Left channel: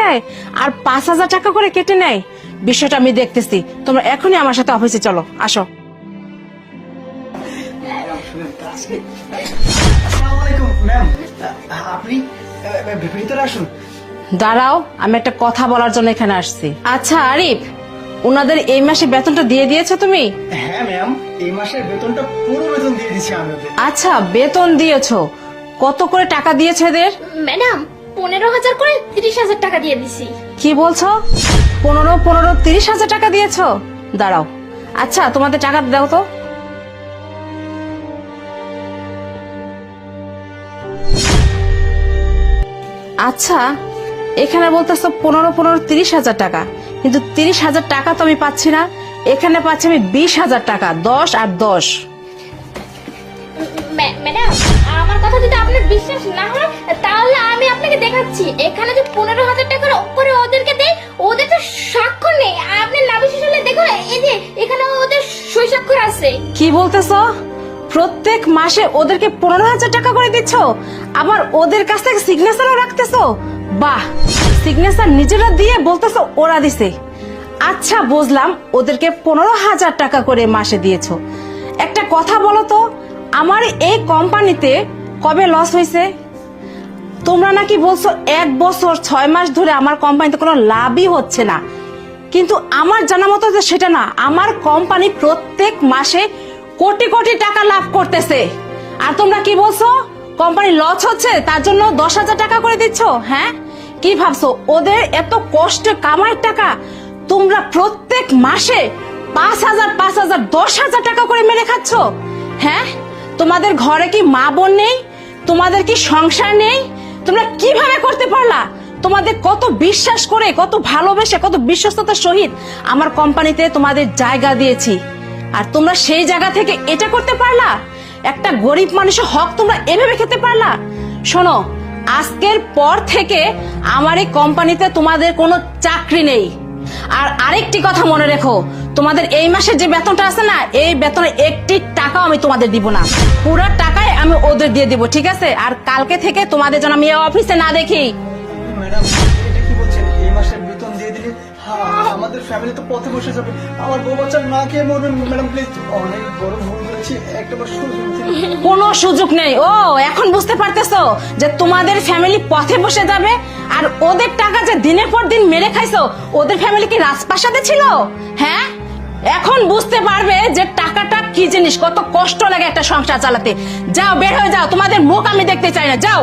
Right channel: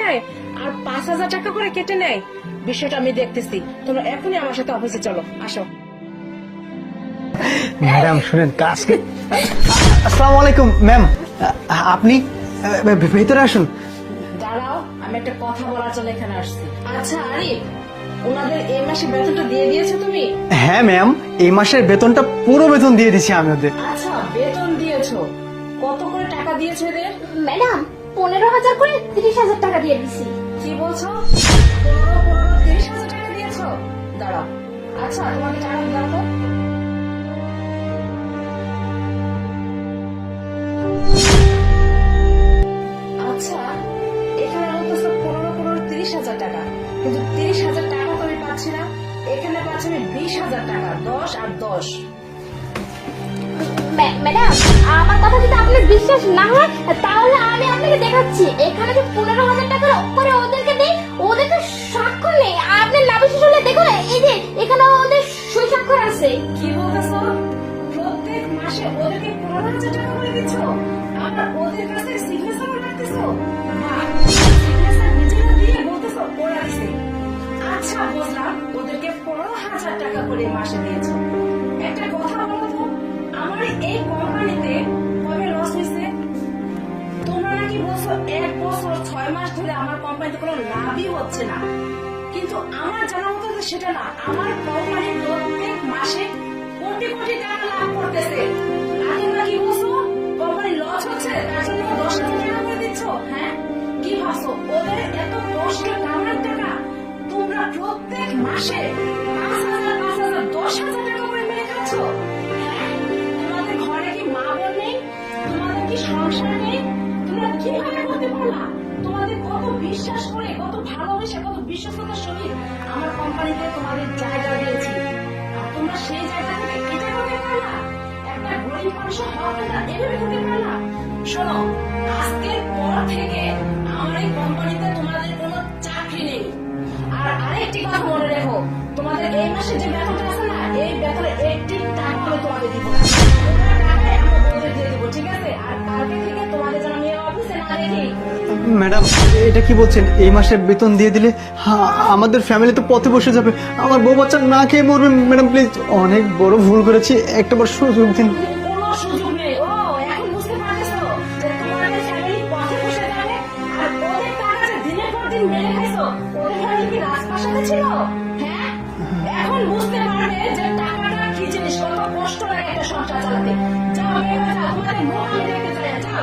দেয় আর 5,000 টাকা করে কেটে নেয়। বিষয়টা আমি দেখতেছি, তোমরা এখনই আমার সাথে অফিসে চলো, আসো। ম্যাডাম শুনেন আজকে। আসসালামু আলাইকুম ম্যাম, আপনি ভেতরে আসুন। দাঁড়াও, আমি একটা কথা বলার জন্য এখানে আসছি। আচ্ছা আরিফ, ওনাদের এই মাসে বেতনটা দিয়ে দিয়েছো তুমি? হ্যাঁ ম্যাম, এই মাসের বেতনটা পুরো বেতন দিয়ে দিচ্ছি আমি ওদের। আচ্ছা, বেতন দিয়েছো, কত করে টাকা দিয়েছো এদের? ম্যাডাম 15,000 করে 30,000 টাকা দিয়ে দিছি। কি বলছো? 15,30,000 টাকা দিয়েছো? দাঁড়াও, আচ্ছা তোমাদের টাকা দাও তো। আচ্ছা, এখানে বলতেছো 15,30,000 টাকা, কিন্তু 30,000 টাকা তো আমি পাচ্ছি না। এখানে পাচ্ছি আমি 20,000 টাকা, 10 আর 10। ম্যাডাম আমার কথা যদি আপনার বিশ্বাস না হয় তাহলে আমি আপনাকে দেখাচ্ছি। এখানে যে 15,000 টাকার উপরে ওদেরকে দেই, ওদের তো স্বাক্ষর নেই। আপনি না বিশ্বাস হলে দেখুন, এই যে এখানে ওদের সই স্বাক্ষর আছে। কি বলতেছো? প্রত্যেক মাসে ওদেরকে 15,000 টাকা করে দিচ্ছ, আবার ওদের কাছ থেকে সিগনেচারও রাখতেছো? বাহ, সিগনেচার নিজেরা দিয়ে বলতেছো ওরা দিছে। আচ্ছা বুঝলাম, ওদেরকে 15,000 টাকা করে মাসে দিয়েছো। একটা কথা বলো তো, আমার এই কোম্পানিতে কবে লস হয়েছে? তোমরা নাকি বলছো 1 বছর 6 মাস ধরে আমার কোম্পানিতে কোনো লাভই হচ্ছে না, কিন্তু আমার জানা মতো তো সেটা না। আমার কোম্পানি প্রত্যেক মাসে কোটি কোটি টাকা লাভ করতেছে, আর তোমরা কি বলছো কোম্পানি লস হচ্ছে, তার জন্য 10,000 টাকা করে দিচ্ছ? হ্যাঁ, কি ভাবছো ওদের এত কষ্ট কামাই টাকা তোমরা প্রত্যেক মাসে 5,000 5,000 10,000 টাকা করে মেরে খাচ্ছ? হ্যাঁ, তোমাদের ঘরে কি মা বোন নেই? তোমাদের কি সংসার নেই? তোমরা কিভাবে করতে পারলা? তোমাদের কত বিশ্বাস করে, কত ভালোবেসে, কত বিশ্বস্ততার সহিত আমার কোম্পানিতে তোমাদের জায়গা দিয়েছি, আর তোমরা সেই জায়গা থেকে এটা করতে পারলা? একটা গরিব মানুষের হক তোমরা এভাবে খেতে পারলা? শোনো, আজকের পর থেকে আমার এই কোম্পানিতে তোমাদের কোনো চাকরি নেই। আর আরেকটি কথা মনে রেখো, তোমাদের এই মাসে যে বেতনটা আছে না, এই বেতনের একটি টাকাও আমি তোমাদের দিব না, পুরো টাকাই আমি ওদের দিয়ে দিব, ঠিক আছে? আর কালকে থেকে তোমাদের যেন আমি অফিসে না দেখি। ম্যাডাম এটা কি বলছেন? এই মাসে বেতন দিয়ে দিলে আমাদের ফ্যামিলি তো পথে বসে যাবে, আমার বউ বাচ্চা না খেয়ে মরবে। ম্যাডাম প্লিজ, অনেক বড় ভুল করেছি, একটাবার সুযোগ দিন। কোনো সুযোগ নেই। ও এখন বুঝতে পারতেছো যে তোমাদের ফ্যামিলি পথে বসে যাবে, আর ওদের টাকা যে দিনের পর দিন মেরে খাইছো, ওদের ফ্যামিলি কি রাজপ্রাসাদে ছিল? হ্যাঁ, এখন বুঝতে পারবে যে টাকাটা কি জিনিস, কত কষ্ট লাগে একটা সংসার চালাতে। যাও, বের হয়ে যাও, তোমাদের মুখ আমি দেখতে চাই না, যাও।